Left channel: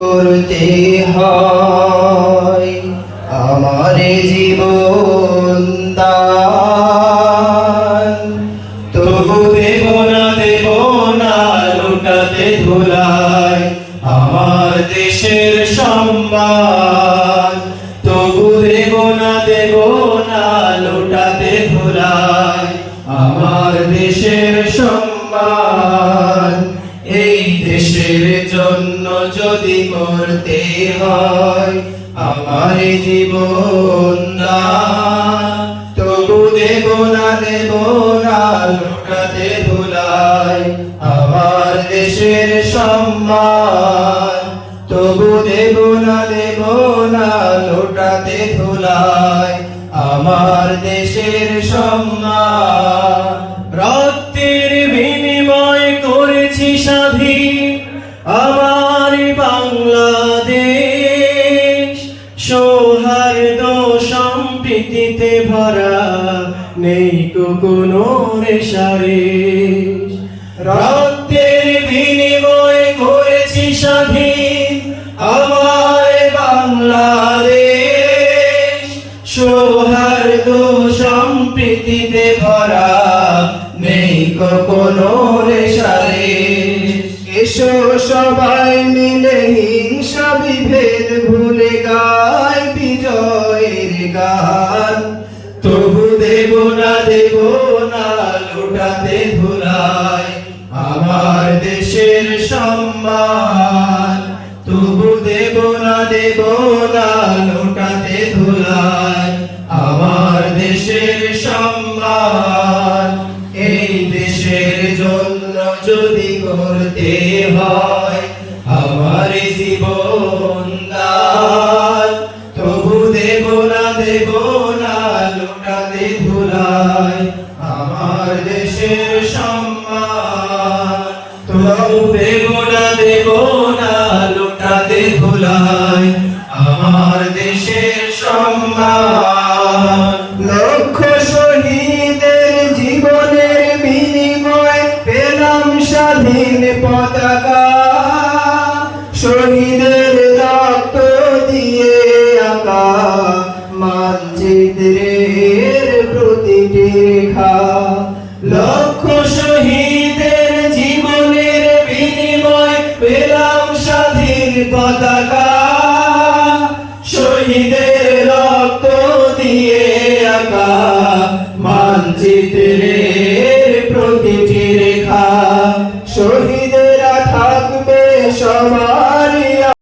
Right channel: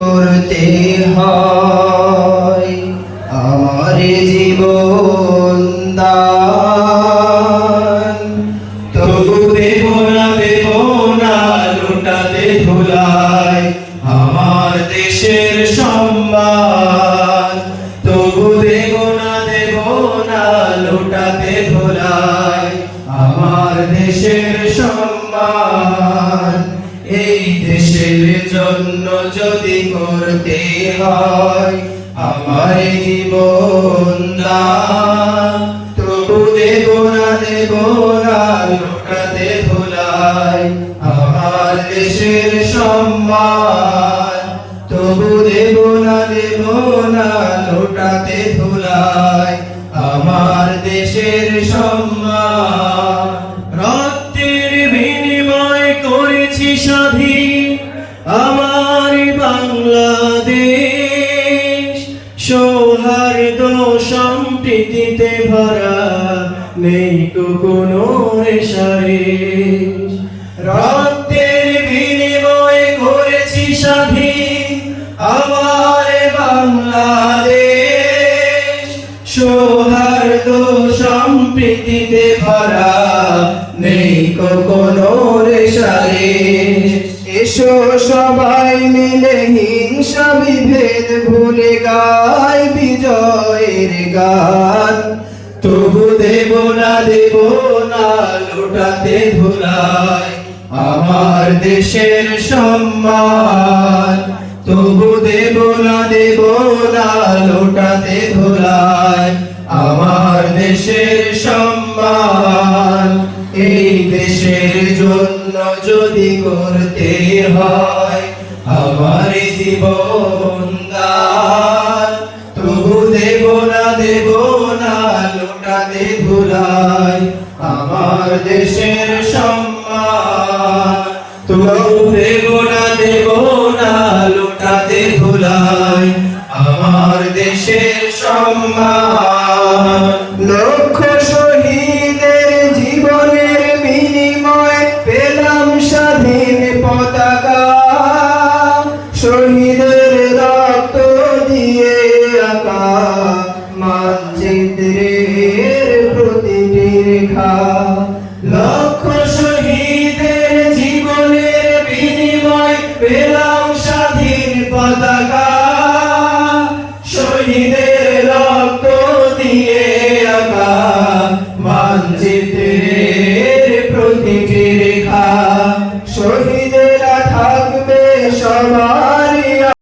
করতে হয় আমার জীবন দান, তবু দেব না লুটাতে ধুলায় আমার দেশের সম্মান। তবু দেব না লুটাতে ধুলায় আমার দেশের সম্মান। এই দেশের জন্য যদি করতে হয় আমার জীবন দান, তবু দেব না লুটাতে ধুলায় আমার দেশের সম্মান। তবু দেব না লুটাতে ধুলায় আমার দেশের সম্মান। রক্তের বিনিময় করেছি স্বাধীন আমার বাংলাদেশ, সৌহার্দ্য সম্প্রীতিতে ভরা নেই কোনো রেশারেশ। রক্তের বিনিময় করেছি স্বাধীন আমার বাংলাদেশ, সৌহার্দ্য সম্প্রীতিতে ভরা নেই কোনো রেশারেশ। এসো সবাই মিলে হিংসা বিভেদ ভুলে গাই বিজয়ের গান। তবু দেব না লুটাতে ধুলায় আমার দেশের সম্মান। তবু দেব না লুটাতে ধুলায় আমার দেশের সম্মান। এই দেশের জন্য যদি করতে হয় আমার জীবন দান, তবু দেব না লুটাতে ধুলায় আমার দেশের সম্মান। তবু দেব না লুটাতে ধুলায় আমার দেশের সম্মান। লক্ষ শহীদের জীবনের বিনিময় পেলাম স্বাধীন পতাকা, শহীদের রক্ত দিয়ে আঁকা মানচিত্রের প্রতিটি রেখা। লক্ষ শহীদের জীবনের বিনিময় পেলাম স্বাধীন পতাকা, শহীদের